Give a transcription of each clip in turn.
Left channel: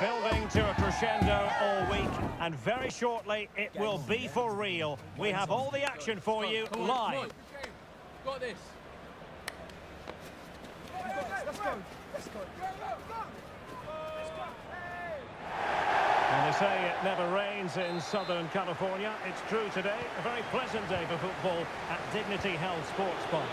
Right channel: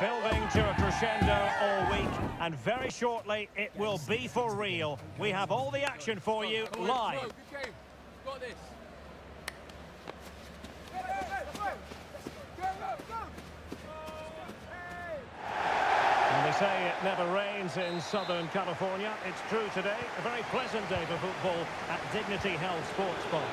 Building to a crescendo all week, and very shortly it will be for real. We have all the action for you live. Good game. Got this. Let's go. And they say it never rains in Southern California. It's true today. A very pleasant day for football at Dignity Health Sports Bar.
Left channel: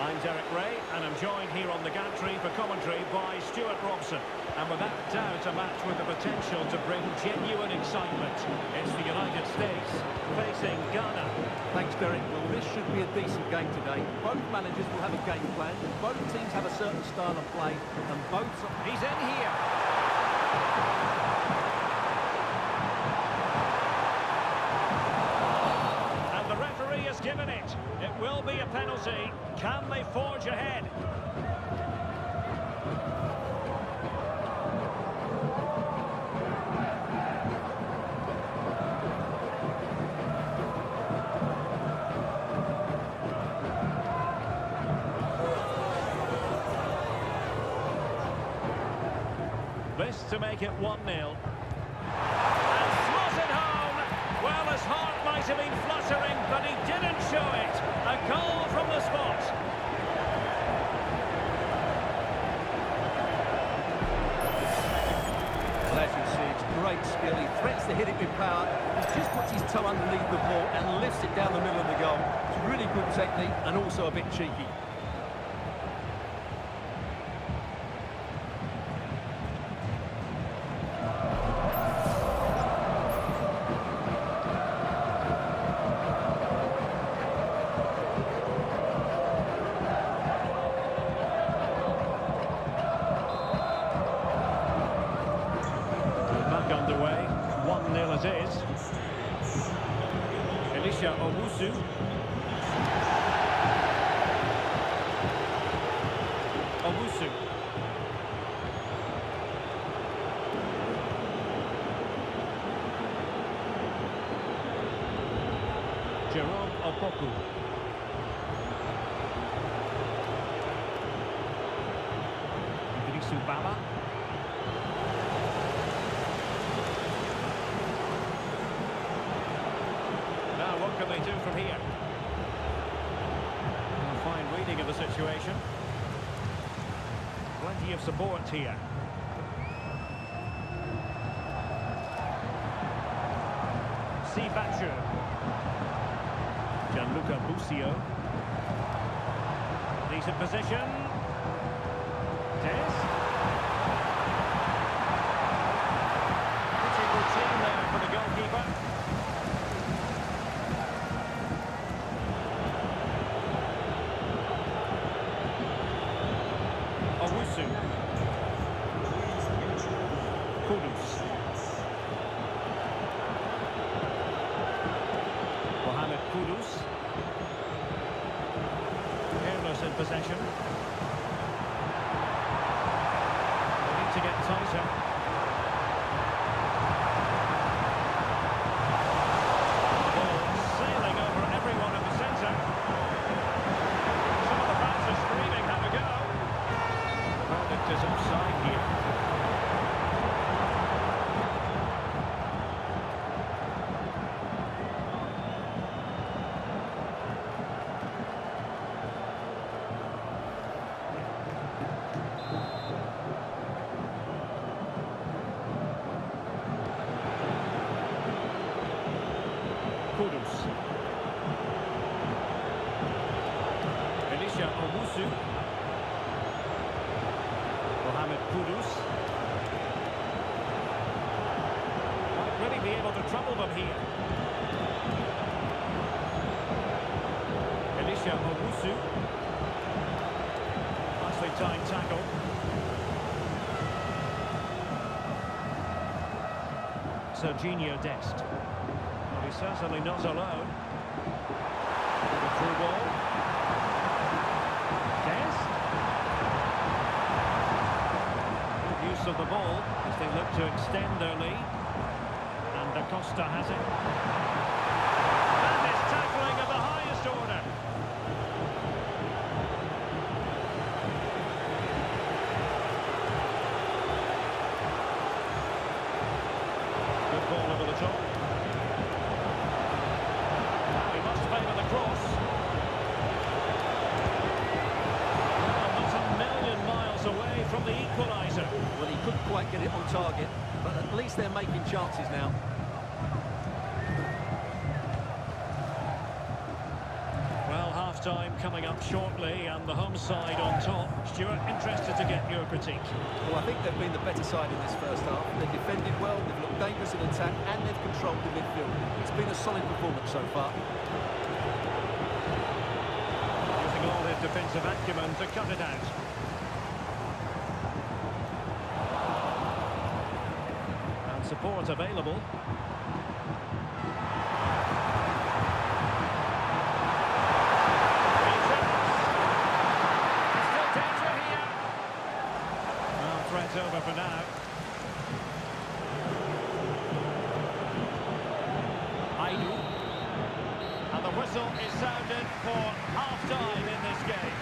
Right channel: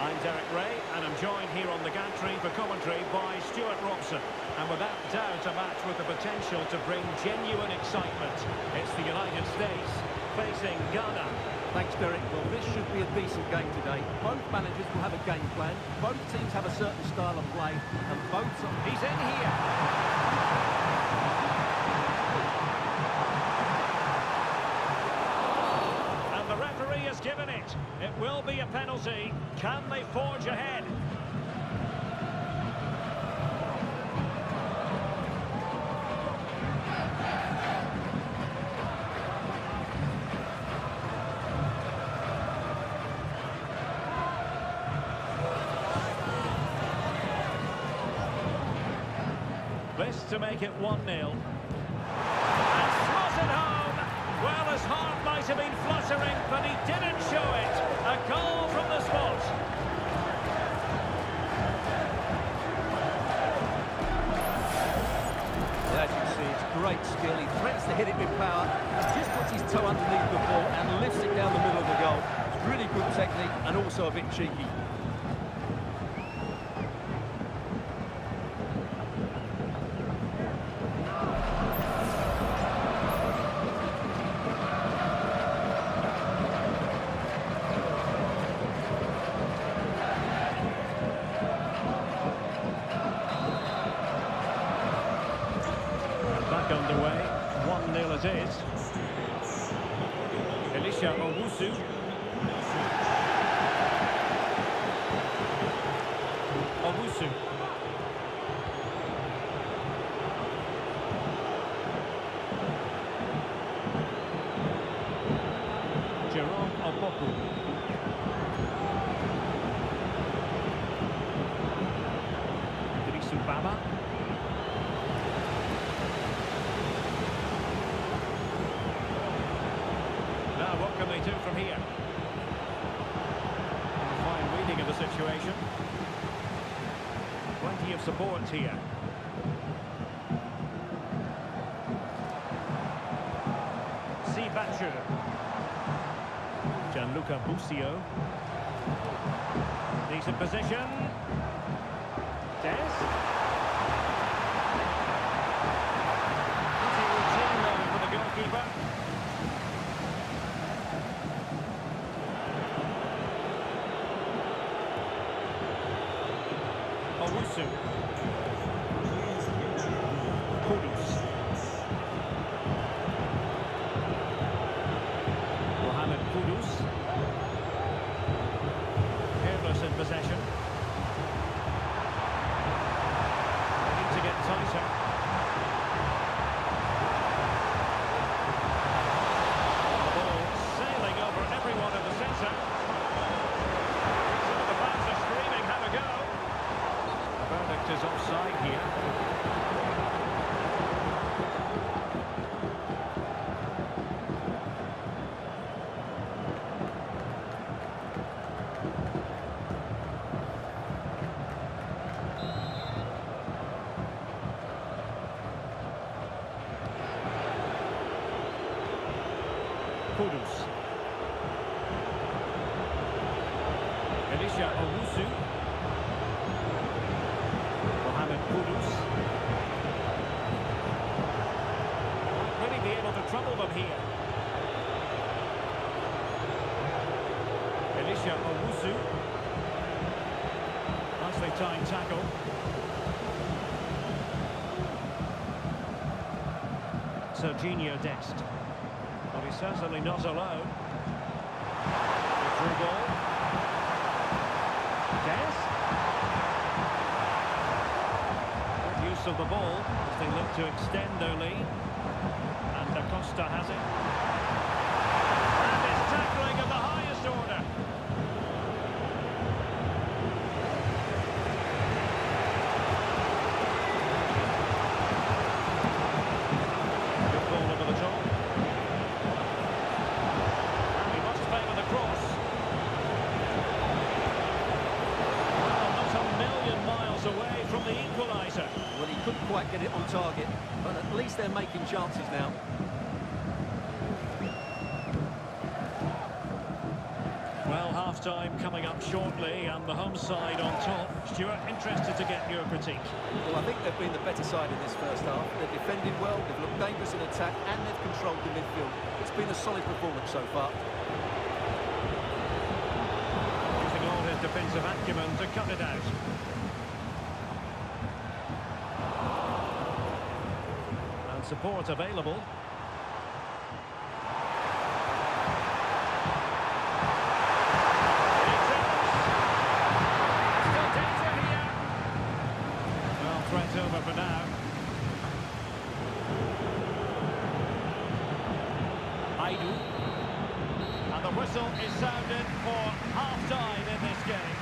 I'm Derek Ray, and I'm joined here on the gantry for commentary by Stuart Robson. And without doubt, a match with the potential to bring genuine excitement. It's the United States facing Ghana. Thanks, Derek. Well, this should be a decent game today. Both managers will have a game plan. Both teams have a certain style of play, and both... He's in here. And the referee has given it. It will be a penalty. Can they forge ahead? This to make it 1-0. And slotted home. Well, his heart might have been fluttering, but he didn't show it. A goal from the spot. Well, as you can see, it's great skill. He threatens to hit it with power. He just puts his toe underneath the ball and lifts it down the middle of the goal. It's really good technique and also a bit cheeky. Back underway, 1-0 it is. Elisha Owusu. Owusu. Jerome Opoku. Idrisu Baba. Now, what can they do from here? A fine reading of the situation. Plenty of support here. Sibachu. Gianluca Busio. Decent position. Des. Pretty routine there for the goalkeeper. Owusu. Kudus. Mohamed Kudus. Careless in possession. They need to get tighter. The ball sailing over everyone in the centre. Some of the fans are screaming, have a go. The verdict is offside here. Kudus. Elisha Owusu. Mohamed Kudus. Might really be able to trouble them here. Elisha Owusu. Nicely timed tackle. Serginho Dest. Well, he's certainly not alone. The through ball. Dest. Use of the ball as they look to extend their lead. And Costa has it. That is tackling of the highest order. equaliser. Well, he couldn't quite get it on target, but at least they're making chances now. Well, half-time coming up shortly, and the home side on top. Stuart, interested to get your critique. Well, I think they've been the better side in this first half. They've defended well, they've looked dangerous in attack, and they've controlled the midfield. It's been a solid performance so far. Using all his defensive acumen to cut it out. And support available. Threat over for now. Aidu. And the whistle is sounded for half-time in this game.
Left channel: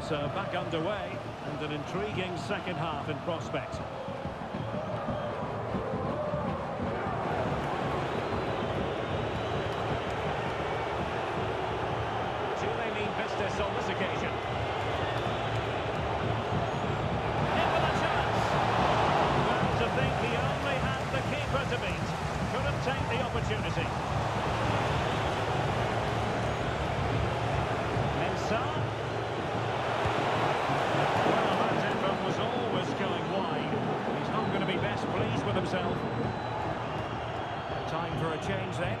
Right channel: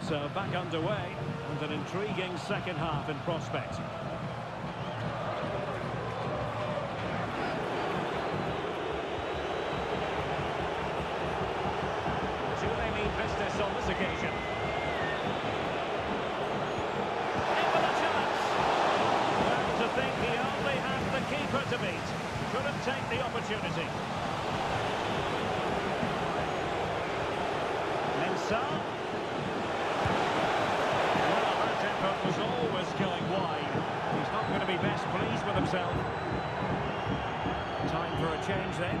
So back underway, and an intriguing second half in prospect. Do they mean business on this occasion? In with a chance! Well, to think he only had the keeper to beat. Couldn't take the opportunity. Mensah. Was always going wide. He's not going to be best pleased with himself. Time for a change then.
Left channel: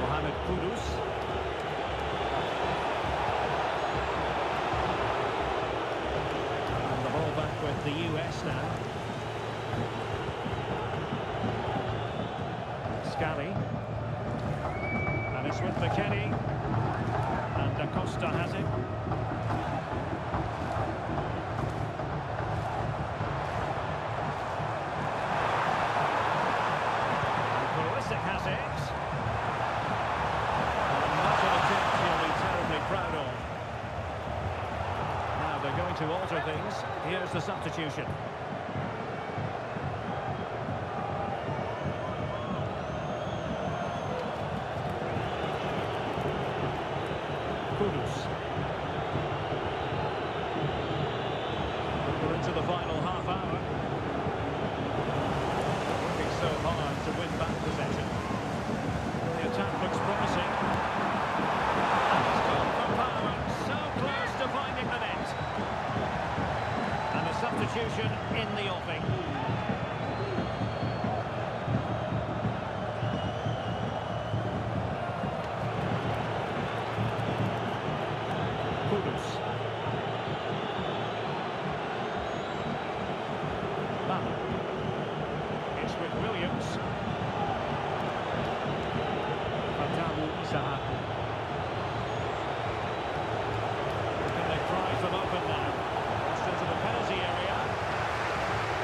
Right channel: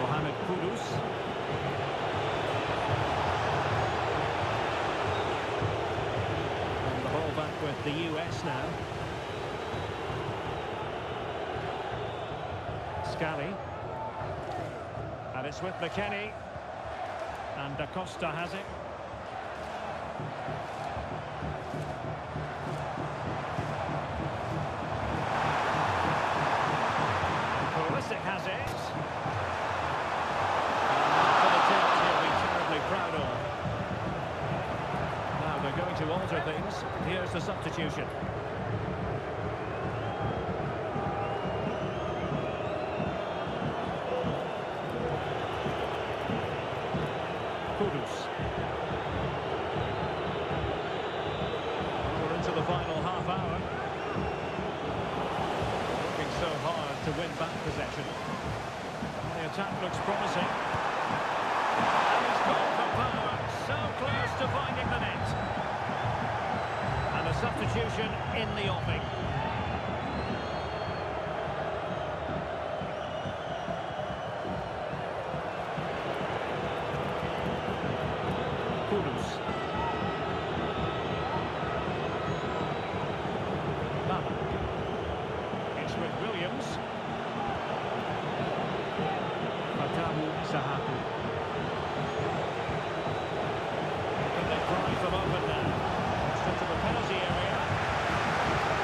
Mohamed Kudus. And the ball back with the US now. Scally. And it's with McKennie. And Costa has it. And Pulisic has it. And not an attempt he'll be terribly proud of. Now they're going to alter things. Here's the substitution. Kudus. We're into the final half hour. Working so hard to win back possession. Well, the attack looks promising. And he's gone for power. So close to finding the net. And a substitution in the offing. Kudus. Baba. It's with Williams. Fatawu Sahaku. Can they prize them open now? Crossed into the penalty area.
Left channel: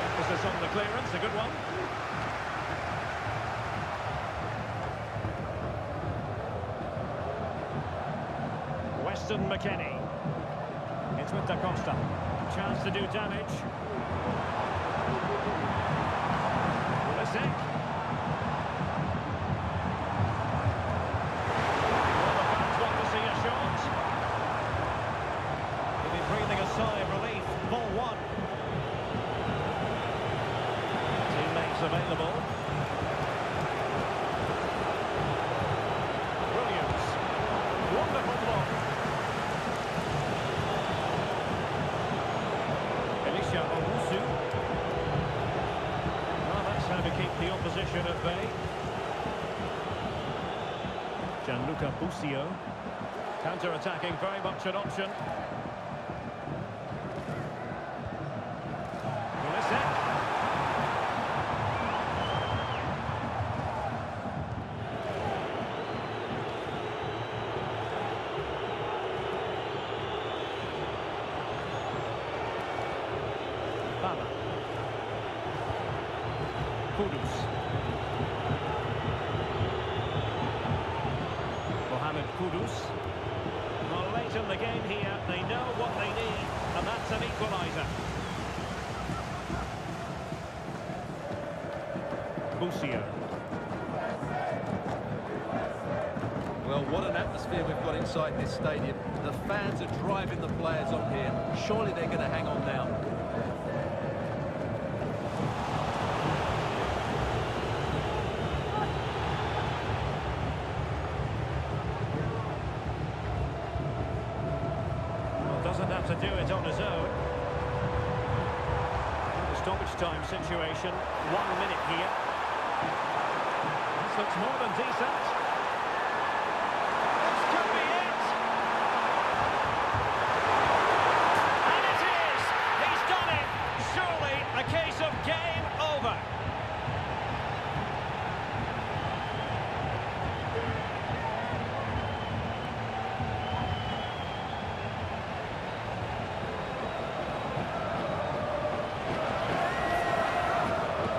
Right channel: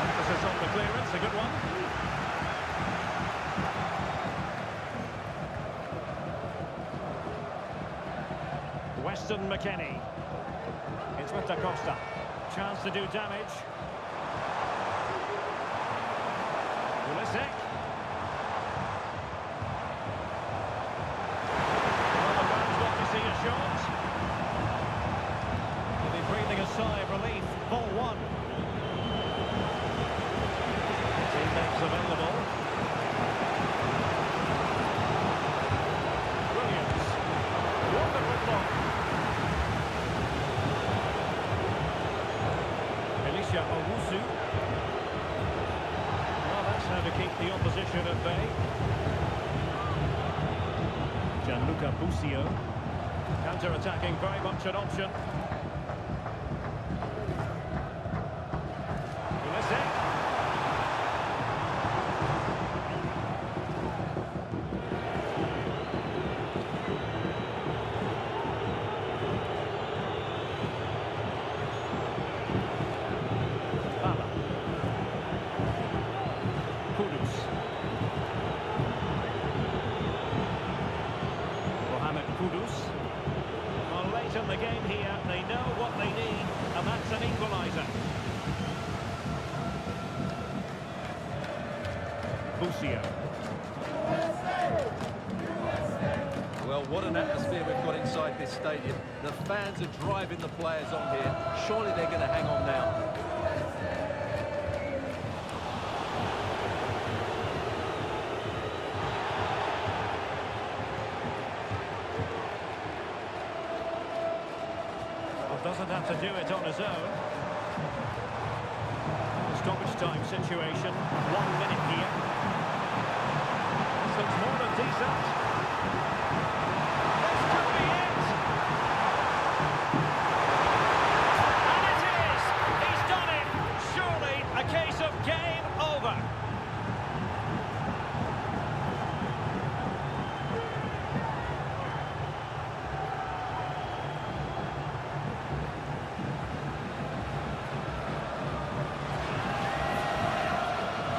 Emphasis on the clearance, a good one. Weston McKennie. It's with Costa. Chance to do damage. Pulisic. Well, the fans want to see a shot. He'll be breathing a sigh of relief. Ball one. Teammates available. Williams. Wonderful block. Owusu. Well, that's how to keep the opposition at bay. Gianluca Busio. Counter-attacking, very much an option. Pulisic. Kudus. Mohamed Kudus. Well, late in the game here, they know what they need, and that's an equaliser. Busio. Well, what an atmosphere we've got inside this stadium. The fans are driving the players on here. Surely they're going to hang on now. Well, doesn't have to do it on his own. The stoppage time situation. 1 minute here. This looks more than decent. A case of game over.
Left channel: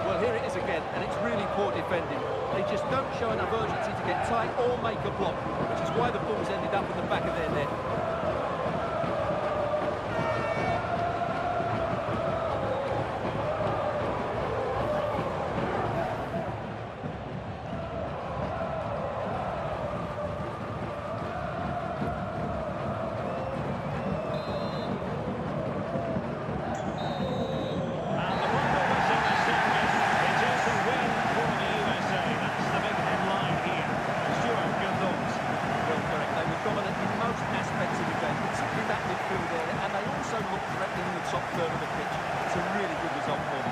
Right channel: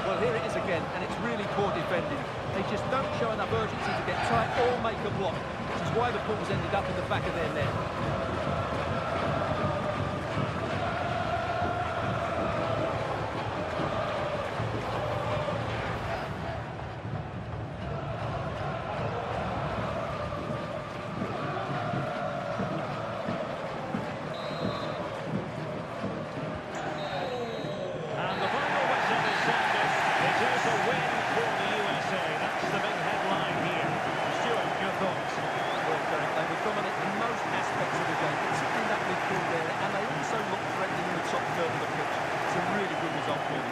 Well, here it is again, and it's really poor defending. They just don't show enough urgency to get tight or make a block, which is why the ball's ended up in the back of their net. They were dominant in most aspects of the game, particularly that midfield area, and they also looked threatening in the top third of the pitch. It's a really good result for them.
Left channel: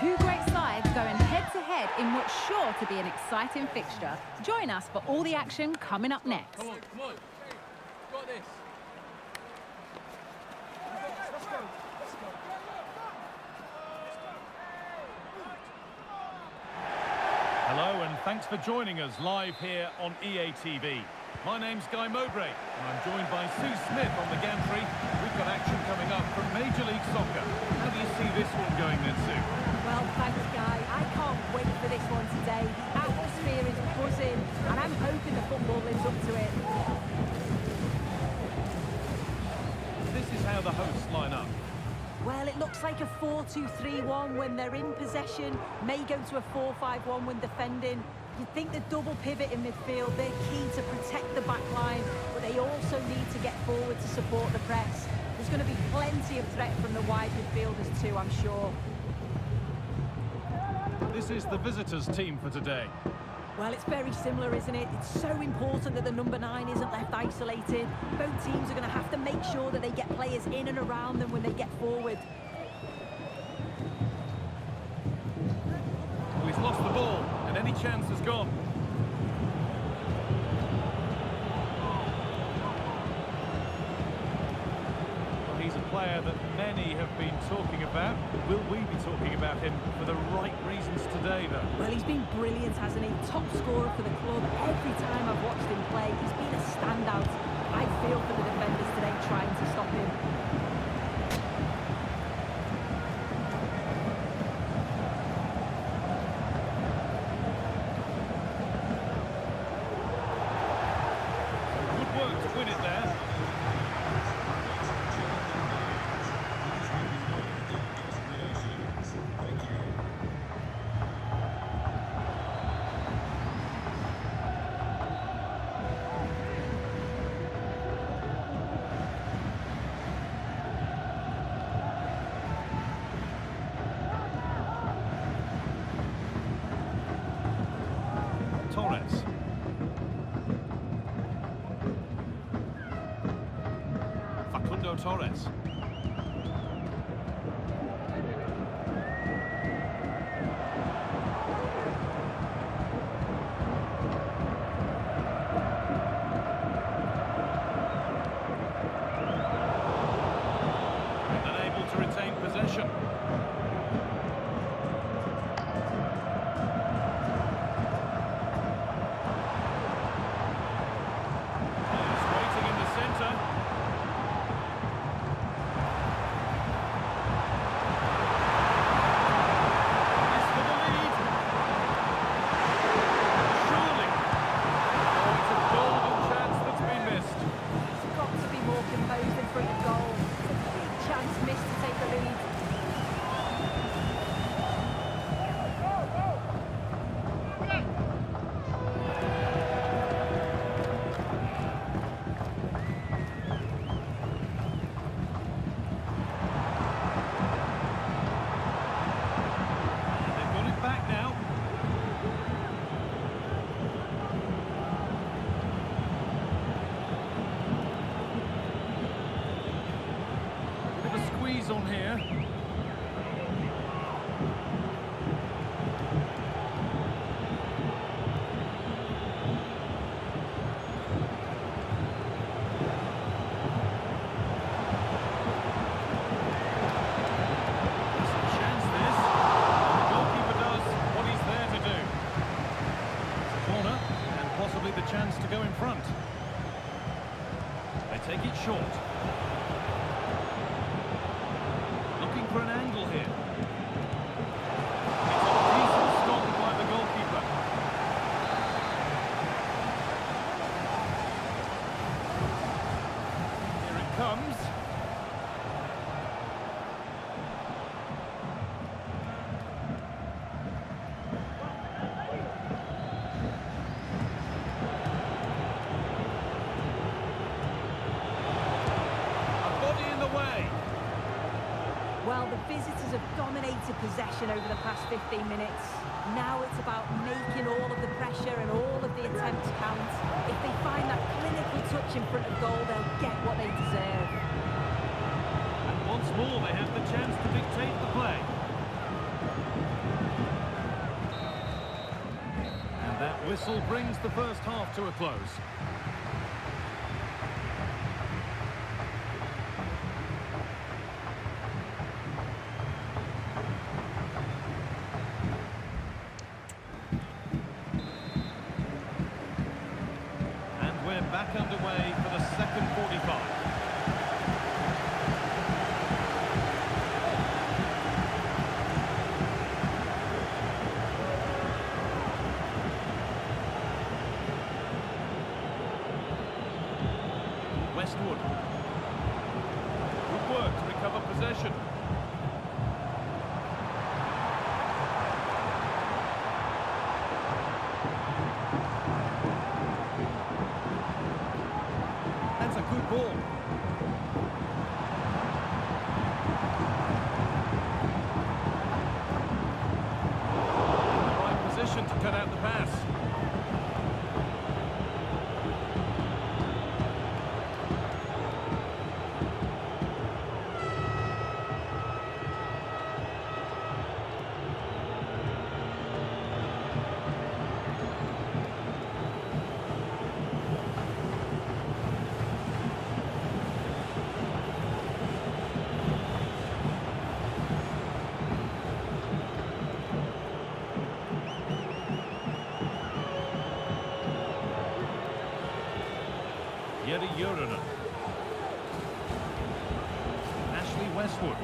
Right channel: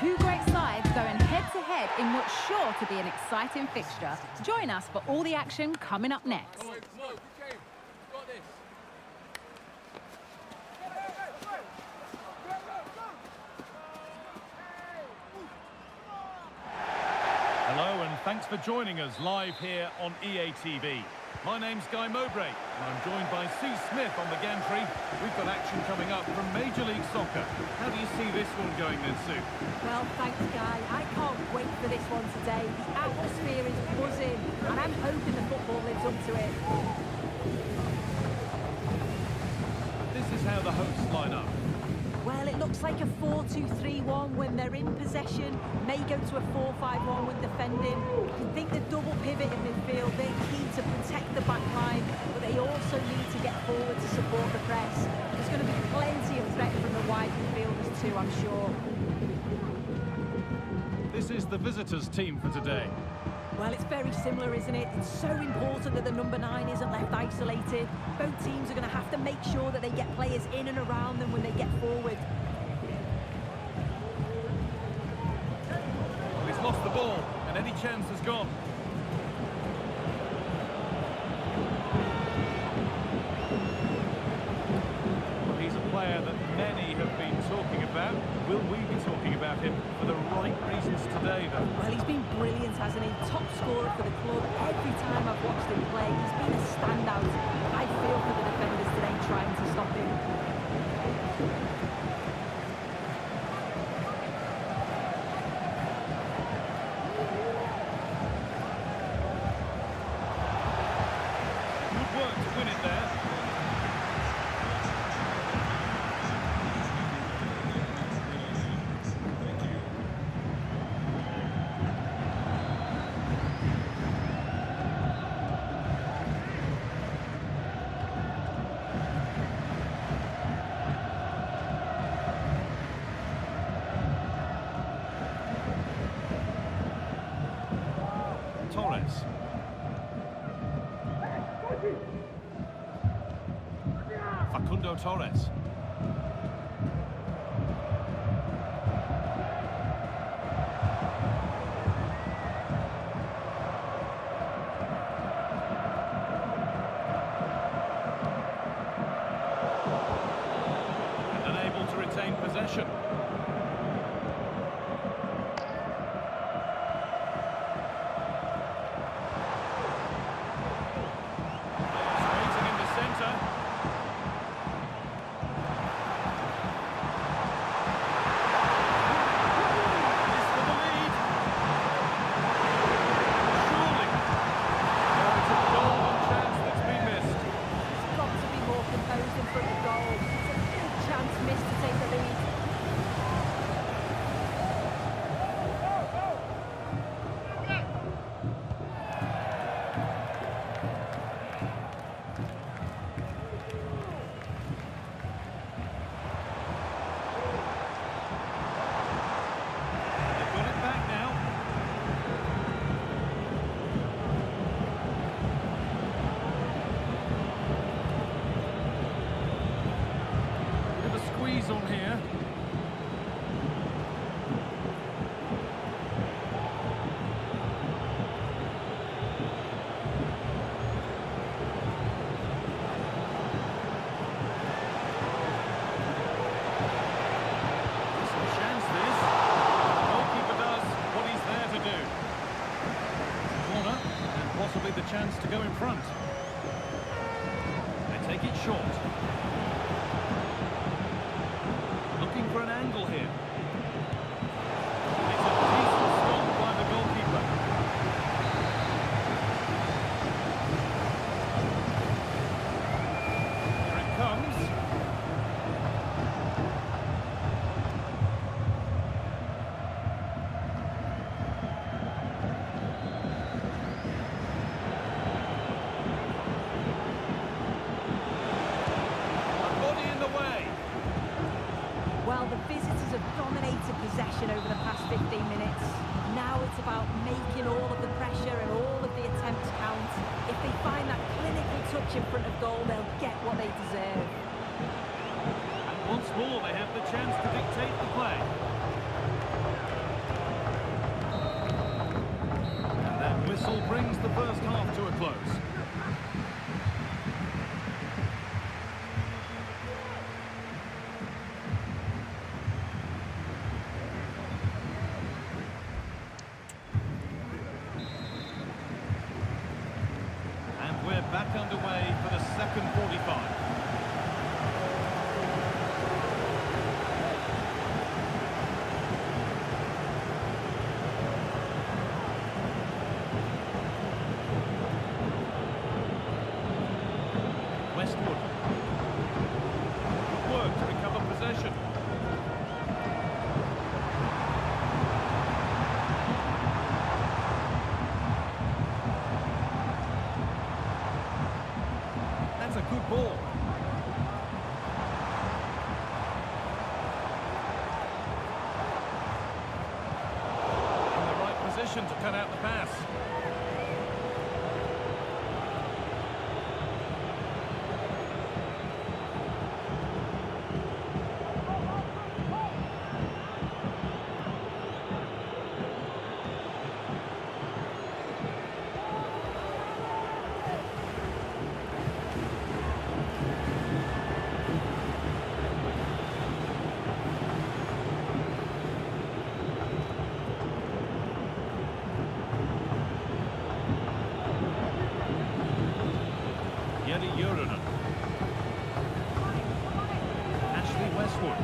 Two great sides going head-to-head in what's sure to be an exciting fixture. Join us for all the action coming up next. Come on, come on. Got this. Hello and thanks for joining us live here on EA TV. My name's Guy Mowbray and I'm joined by Sue Smith on the gantry. We've got action coming up from Major League Soccer. How do you see this one going then, Sue? Well, thanks, Guy. I can't wait for this one today. The atmosphere is buzzing and I'm hoping the football lives up to it. This is how the hosts line up. Well, it looks like a 4-2-3-1 when they're in possession, may go to a 4-5-1 when defending. You'd think the double pivot in midfield, they're key to protect the back line, but they also need to get forward to support the press. There's going to be plenty of threat from the wide midfielders too, I'm sure. This is the visitors' team for today. Well, it's very similar, isn't it? It's so important that the number 9 isn't left isolated. Both teams are going to have to make sure that they get players in and around them when they get forward. Well, he's lost the ball and any chance has gone. Well, he's a player that many have been talking about. Will we be talking about him for the right reasons today, though? Well, he's been brilliant, hasn't he? Top scorer for the club. Every time I've watched him play, he's been a standout. I feel for the defenders today trying to stop him. Good work to win it there. Torres. Facundo Torres. And unable to retain possession. Centre. This for the lead. Surely. Oh, it's a golden chance that's been missed. He's got to be more composed in front of goal. It's a big chance missed to take the lead. Back now. Bit of a squeeze on here. Possibly the chance to go in front. They take it short. Looking for an angle here. It's a decent stop by the goalkeeper. Here it comes. Way. Well, the visitors have dominated possession over the past 15 minutes. Now it's about making all of the pressure and all of the attempts count. If they find that clinical touch in front of goal, they'll get what they deserve. And once more, they have the chance to dictate the play. And that whistle brings the first half to a close. We're back underway for the second 45. Westwood. Good work to recover possession. That's a good ball. In the right position to cut out the pass. Yeti Yurinen. Ashley Westwood.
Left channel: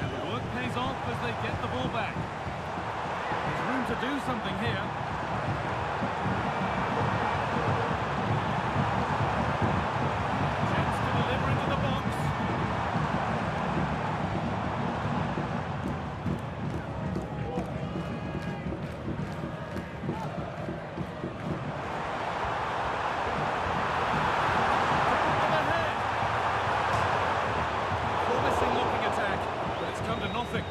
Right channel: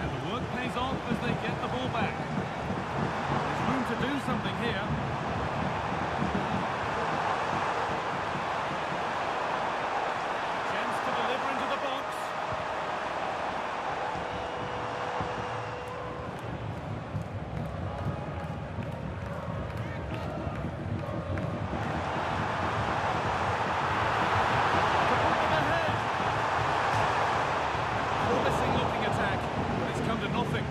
And the work pays off as they get the ball back. There's room to do something here. Looking attack, but it's come to nothing.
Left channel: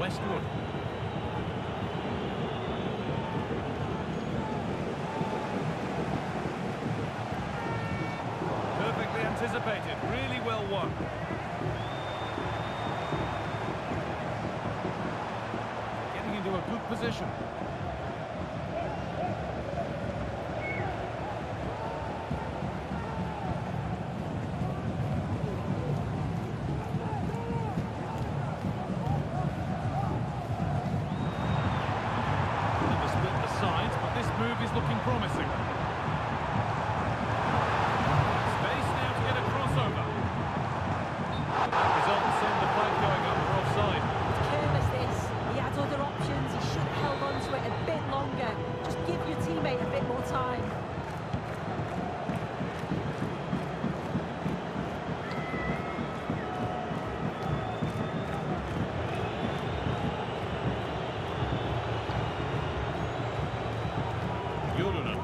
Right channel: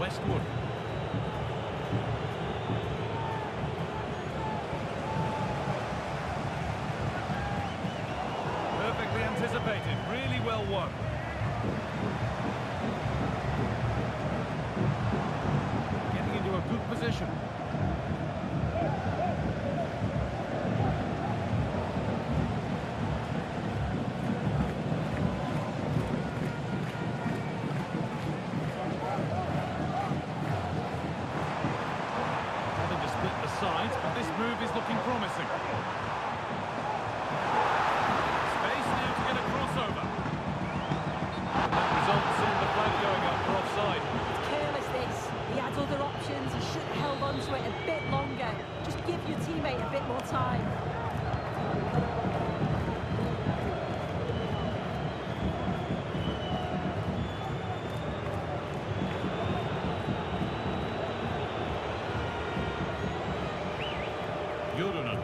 Westwood. Perfectly anticipated, really well won. Into a good position. Looking to split the sides, but this move is looking promising. Space now to get a crossover. And that results in the flag going up for offside. Careless this. He had other options. He should have held on to it a bit longer. Just give your teammate a bit more time. Yurinen.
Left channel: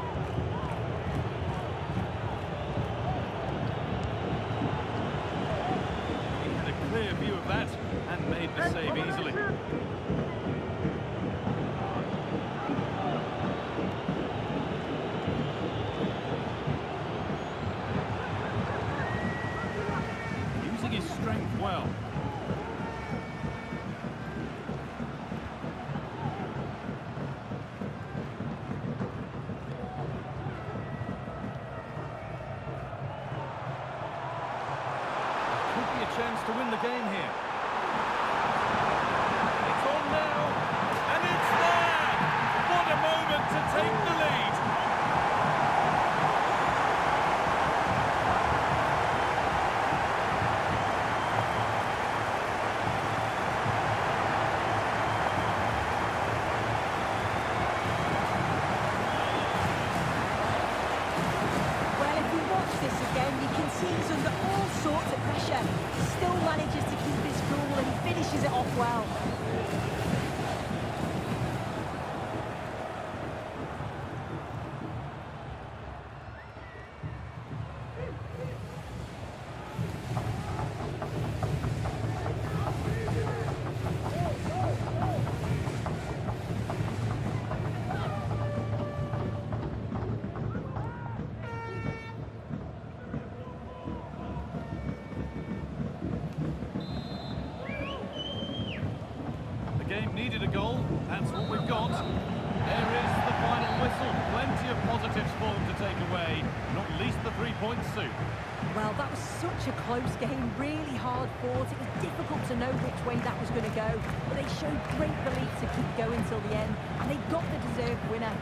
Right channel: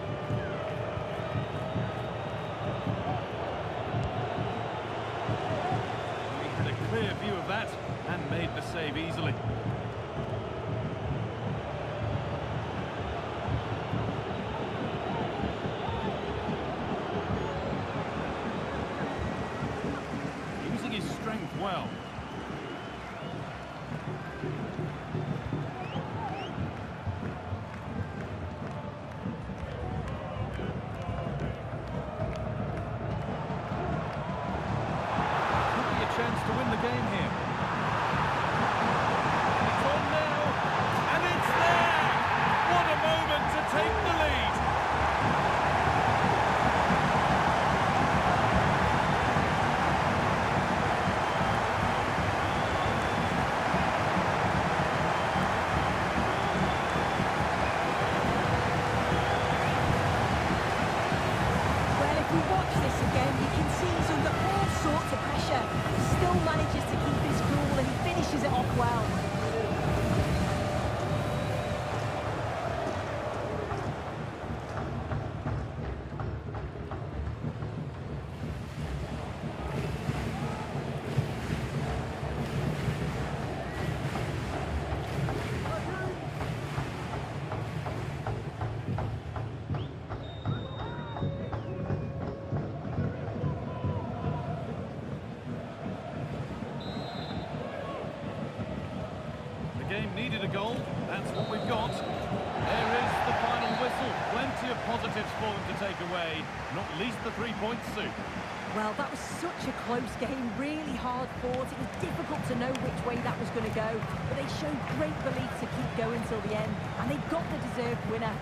He had a clear view of that and made the save easily. Using his strength well. Could be a chance to win the game here. It's on now, and it's there! What a moment to take the lead! Well, if we watch this again, you can see he's under all sorts of pressure. Still manages to keep his cool and he finishes it off well. game needed a goal. That's what we've got. There is the final whistle. Plenty of positives for them to take away, not least the 3 points, Sue. Well, that was such a close game, really hard fought. It was difficult to know which way that was going to go, but they showed great belief to keep going till the end, and they got the deserved winner.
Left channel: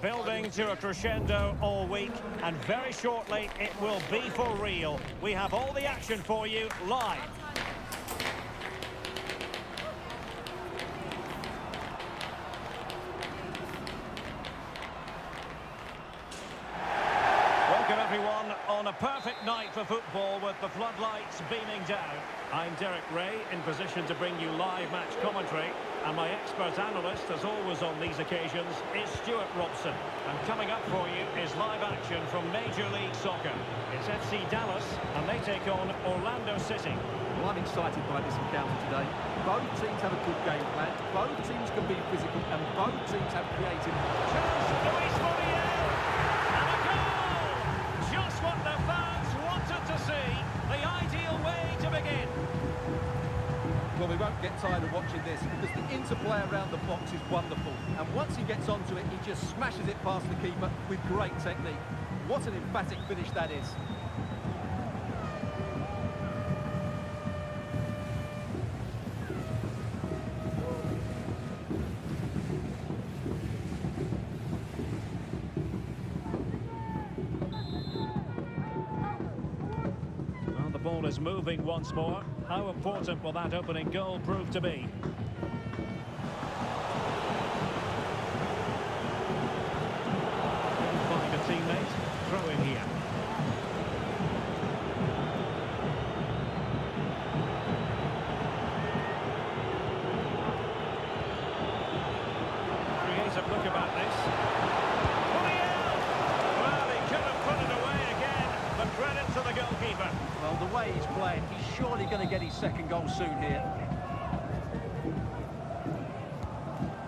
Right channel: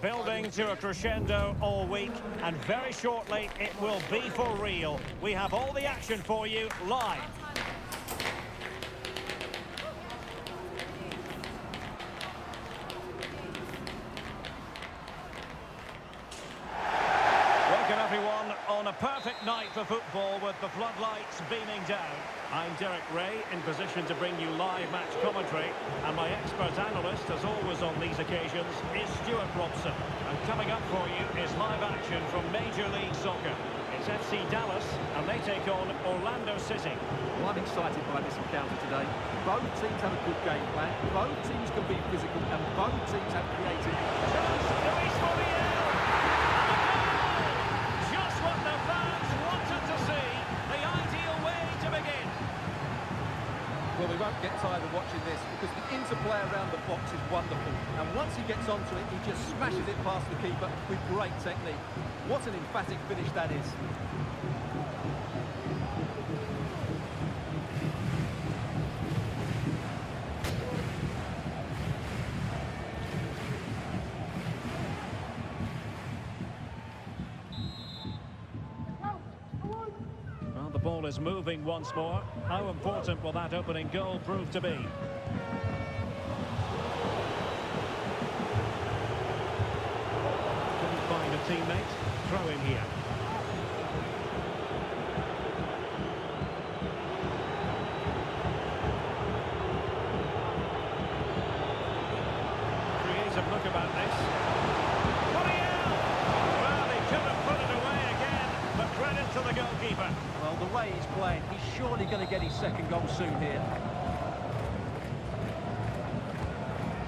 Building to a crescendo all week, and very shortly it will be for real. We have all the action for you live. Welcome everyone on a perfect night for football with the floodlights beaming down. I'm Derek Ray, in position to bring you live match commentary, and my expert analyst, as always on these occasions, is Stuart Robson. And coming up for you is live action from Major League Soccer. It's FC Dallas, and they take on Orlando City. Well, I'm excited by this encounter today. Both teams have a good game plan, both teams can be physical, and both teams have creative. Chance, Luis Muriel! And a goal! Just what the fans wanted to see. The ideal way to begin. Well, we won't get tired of watching this because the interplay around the box is wonderful. And once he gets onto it, he just smashes it past the keeper with great technique. What an emphatic finish that is. Well, the ball is moving once more. How important will that opening goal prove to be? Couldn't find a teammate. Throw in here. Creative look about this. Muriel! Well, he could have put it away again, but credit to the goalkeeper. Well, the way he's playing, he's surely going to get his second goal soon here.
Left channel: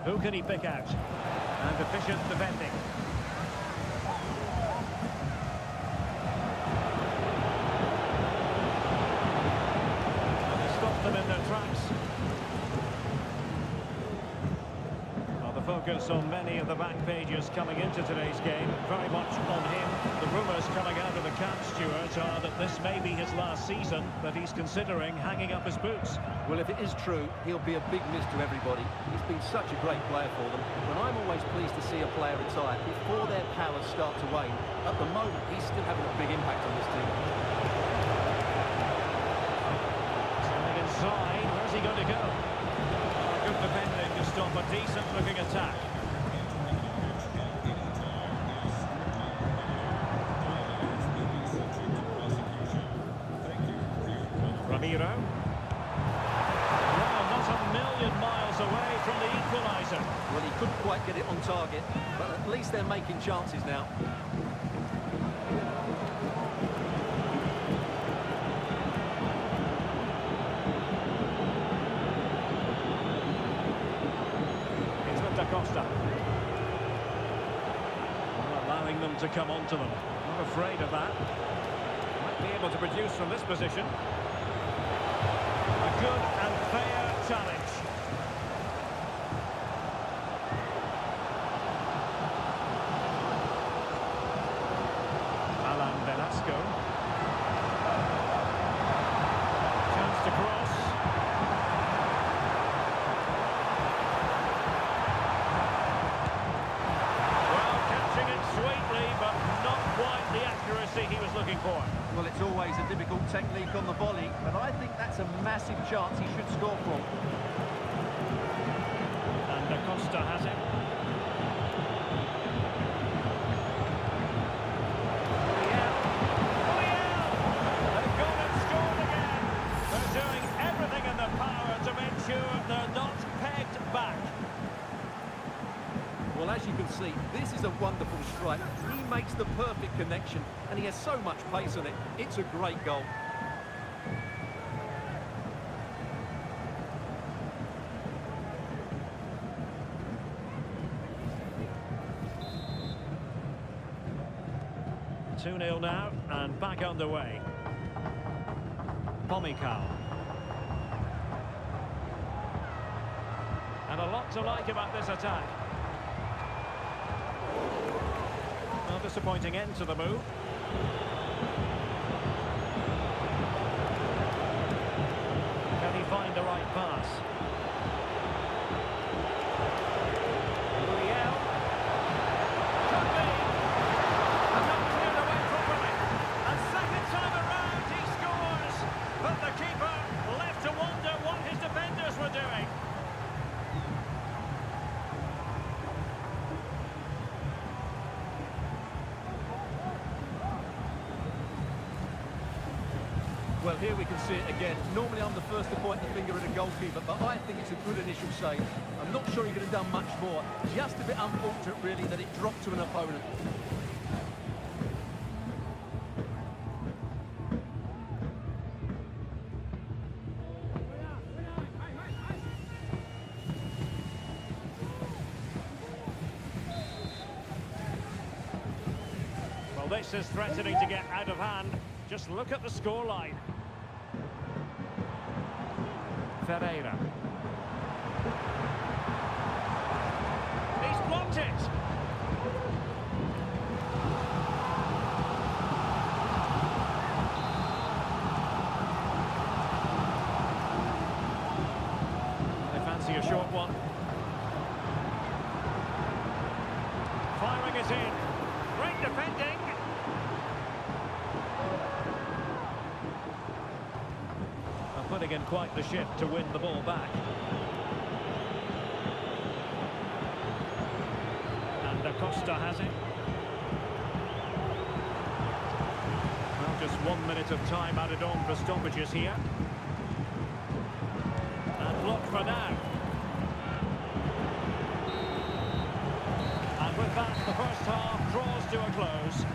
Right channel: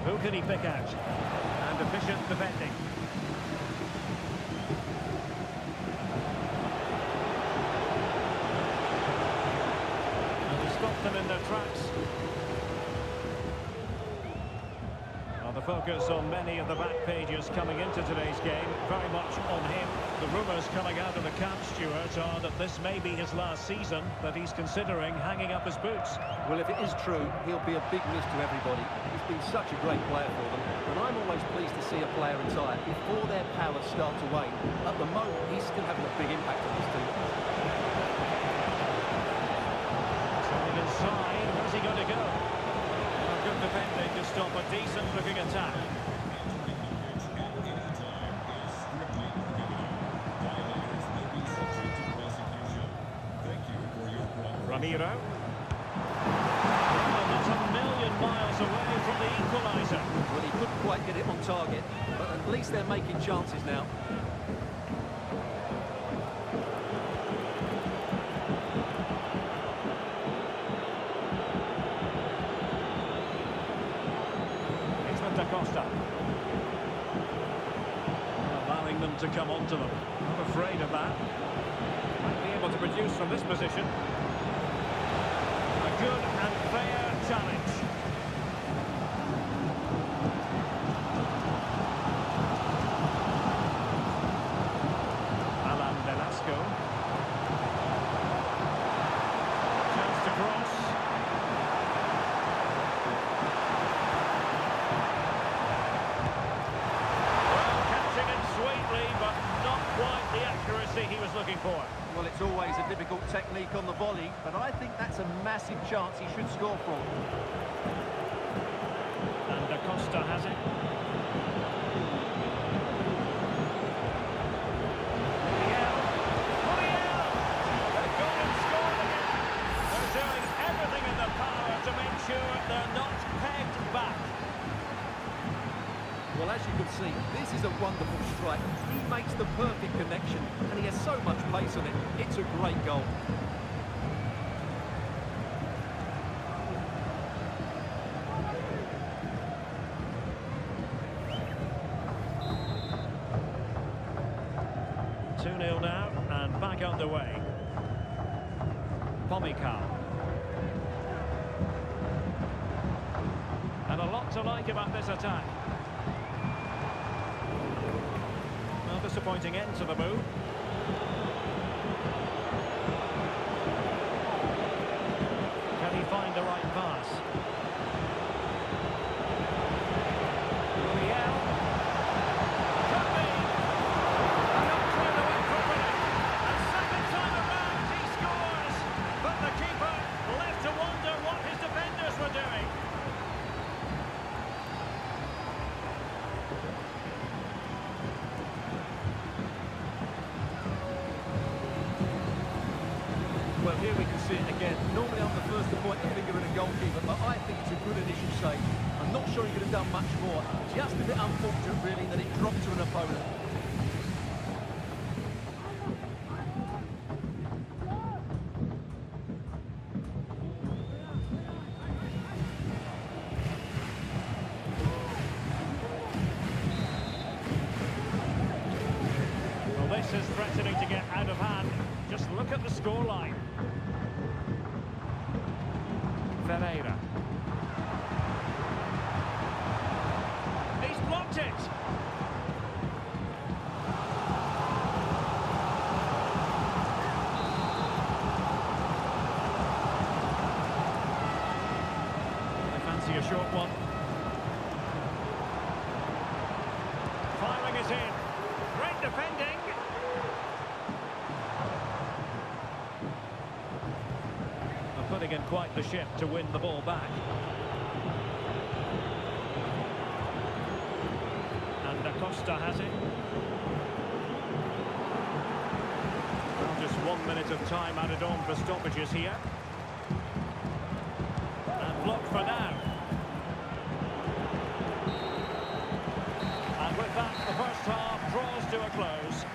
Who can he pick out? And efficient defending. Stop them in their tracks. Well, the focus on many of the back pages coming into today's game, very much on him. The rumours coming out of the camp, Stuart, are that this may be his last season, that he's considering hanging up his boots. Well, if it is true, he'll be a big miss to everybody. He's been such a great player for them, and I'm always pleased to see a player retire before their powers start to wane. At the moment, he's still having a big impact on this team. Inside, where's he going to go? Oh, good defending to stop a decent-looking attack. Ramiro. Well, not a million miles away from the equaliser. Well, he couldn't quite get it on target, but at least they're making chances now. Costa. Well, allowing them to come onto them. Not afraid of that. Might be able to produce from this position. A good and fair challenge. Alan Velasco. Chance to cross. Sweetly, but not quite the accuracy he was looking for. Well, it's always a difficult technique on the volley, but I think that's a massive chance he should score from. And Costa has it. Muriel! They've gone and scored again. They're doing everything in their power to make sure they're not pegged back. Well, as you can see, this is a wonderful strike. He makes the perfect connection, and he has so much pace on it. It's a great goal. Two 2-0 now, and back underway. Pomykal. And a lot to like about this attack. Well, disappointing end to the move. Can he find the right pass? Muriel. Could be. And not cleared away properly. And second time around he scores. But the keeper left to wonder what his defenders were doing. Well, here we can see it again. Normally I'm the first to point the finger at a goalkeeper, but I think it's a good initial save. I'm not sure he could have done much more. Just a bit unfortunate, really, that it dropped to an opponent. Well, this is threatening to get out of hand. Just look at the scoreline. Ferreira. He's blocked it. They fancy a short one. Firing it in. Great defending. Putting in quite the shift to win the ball back. And Costa has it. Well, just 1 minute of time added on for stoppages here. And blocked for now. And with that, the first half draws to a close.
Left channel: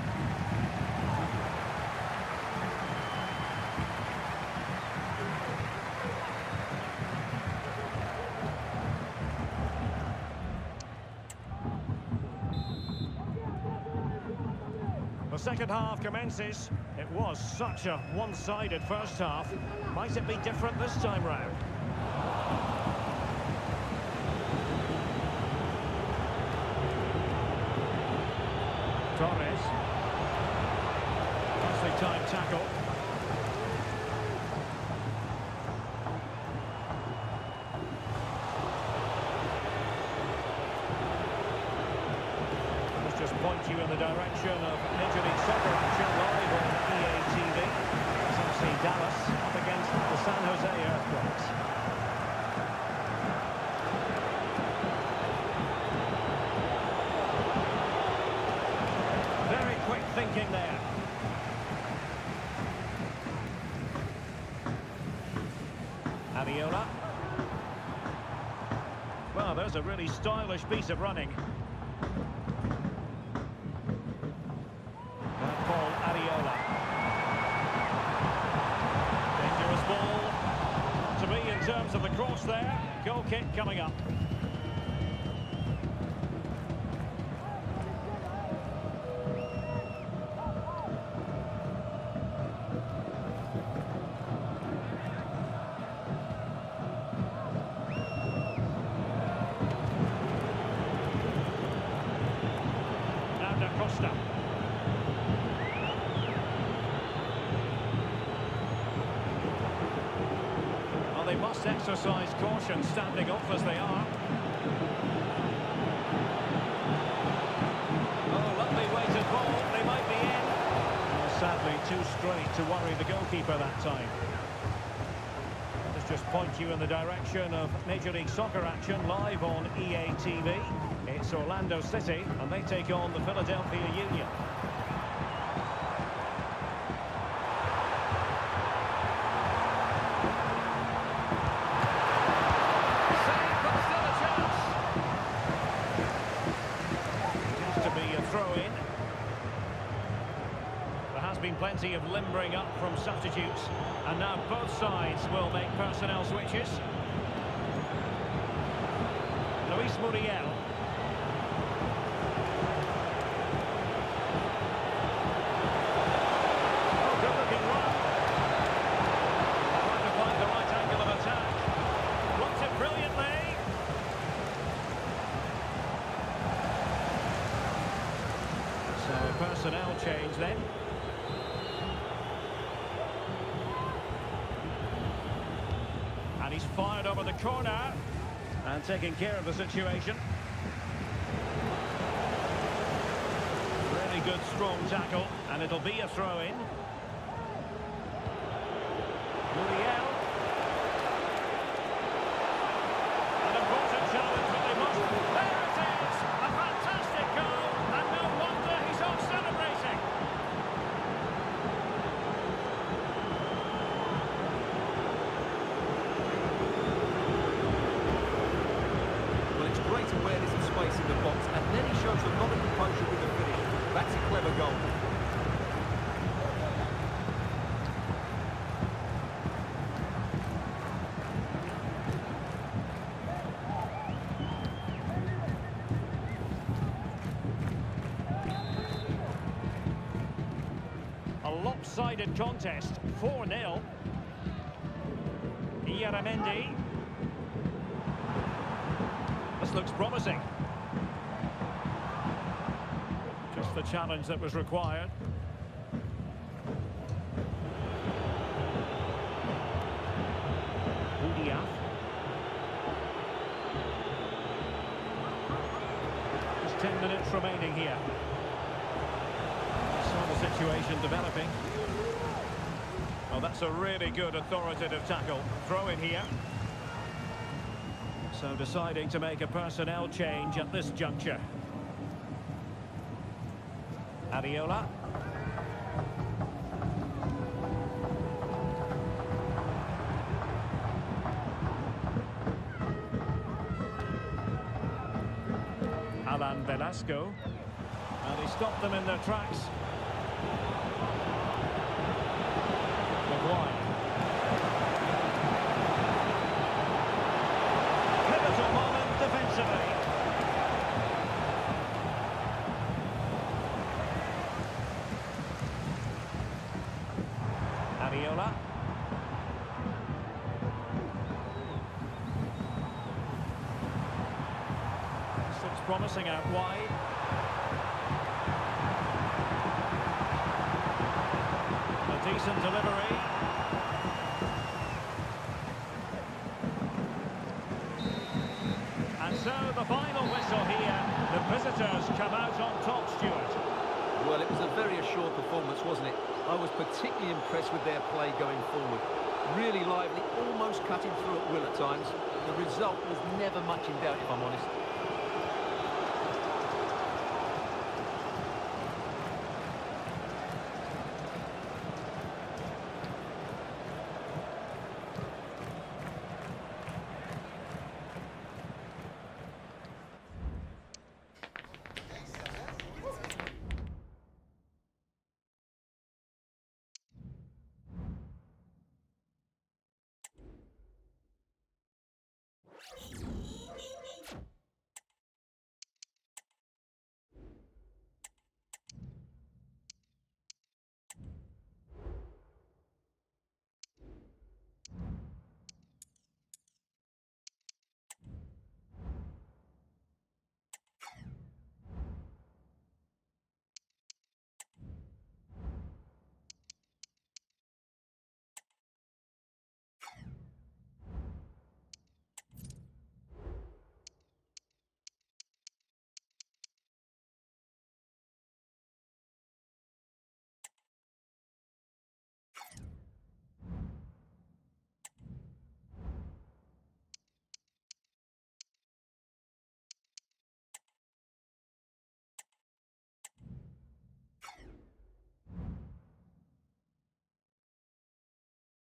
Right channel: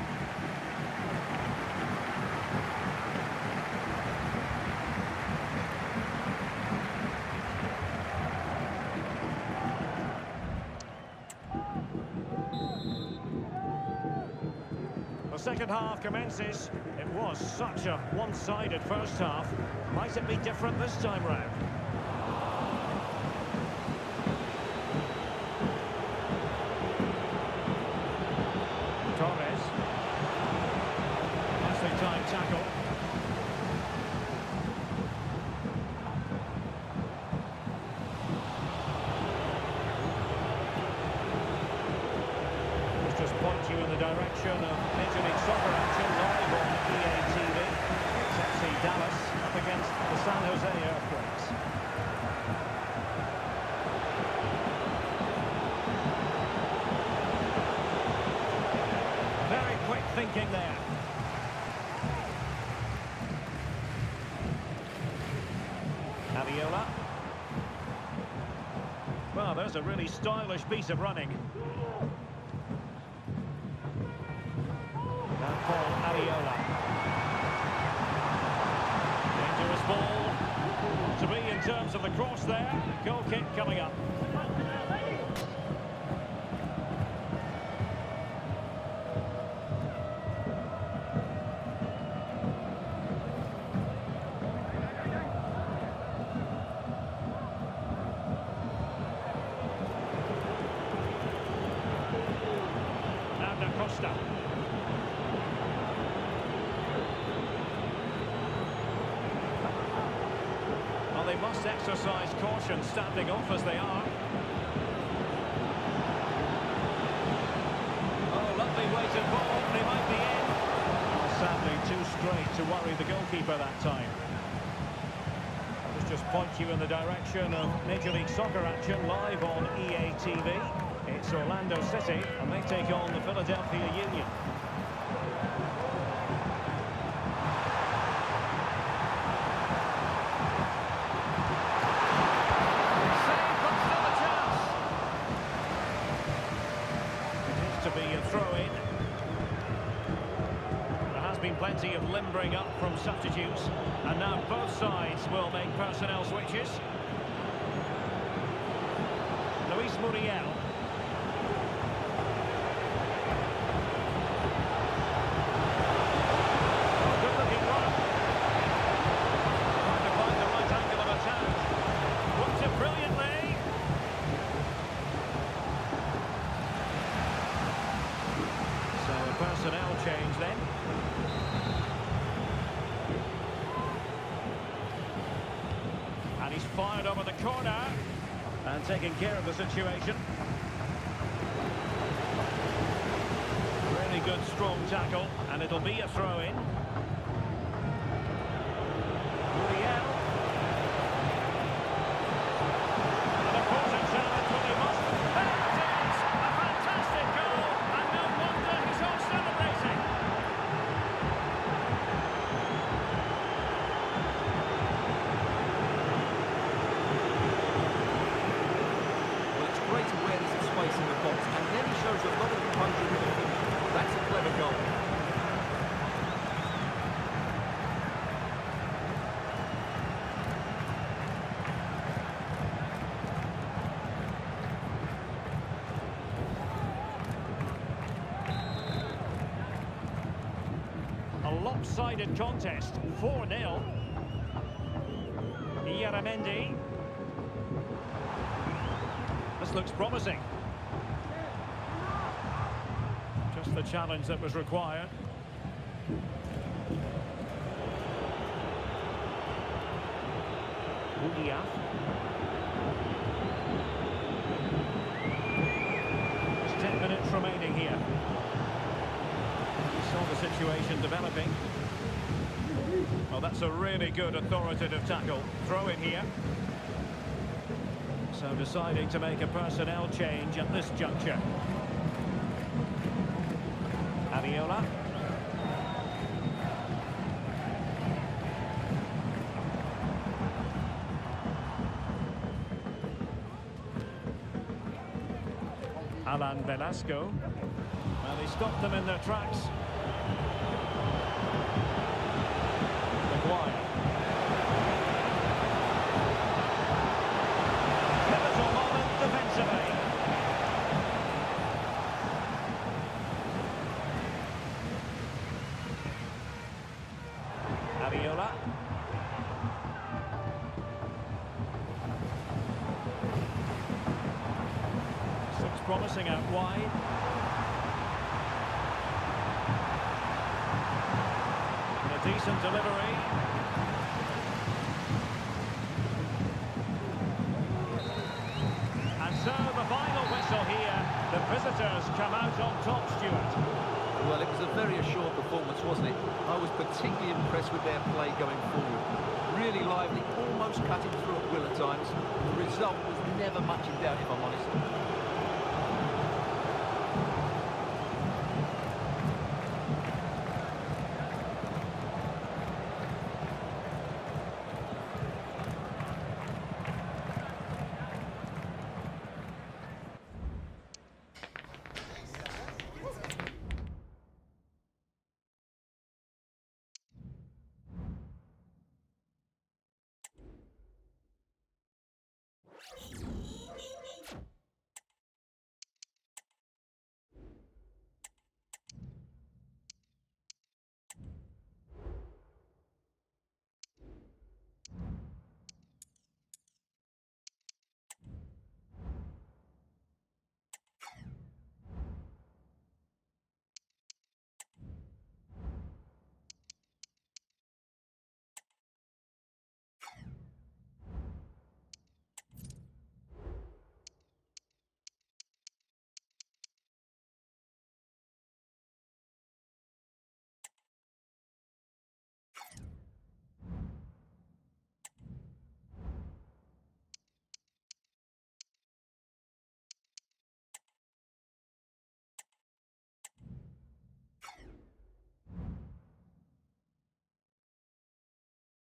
The second half commences. It was such a one-sided first half. Might it be different this time round? Torres. Nicely timed tackle. Just point you in the direction of Major League Soccer action live on EA TV. It's FC Dallas up against the San Jose Earthquakes. Very quick thinking there. Ariola. Well, there's a really stylish piece of running. Paul Ariola. Dangerous ball. Not to be in terms of the cross there. Goal kick coming up. Now Costa. They must exercise caution standing off as they are. Oh, lovely weighted ball. They might be in. Oh, sadly, too straight to worry the goalkeeper that time. Let us just point you in the direction of Major League Soccer action live on EA TV. It's Orlando City, and they take on the Philadelphia Union. To be a throw-in. There has been plenty of limbering up from substitutes, and now both sides will make personnel switches. Luis Muriel. Oh, good-looking run. Trying to find the right angle of attack. Blocked it brilliantly. So a personnel change then. And he's fired over the corner and taking care of the situation. Really good strong tackle, and it'll be a throw-in. Muriel. An important challenge, but they must. There it is! A fantastic goal, and no wonder he's off celebrating. great awareness of space in the box, and then he shows a lot of composure with the finish. That's a clever goal. A lopsided contest, 4-0. Ieramendi. This looks promising. Just the challenge that was required. Udia. Just 10 minutes remaining here. Saw the situation developing. Oh, that's a really good authoritative tackle. Throw in here. So deciding to make a personnel change at this juncture. Aviola. Alan Velasco. And he stopped them in their tracks. Maguire. Pivotal moment defensively. Aviola. This looks promising out wide. A decent delivery. And so the final whistle here. The visitors come out on top, Stuart. Well, it was a very assured performance, wasn't it? I was particularly impressed with their play going forward. Really lively, almost cutting through at will at times. The result was never much in doubt, if I'm honest.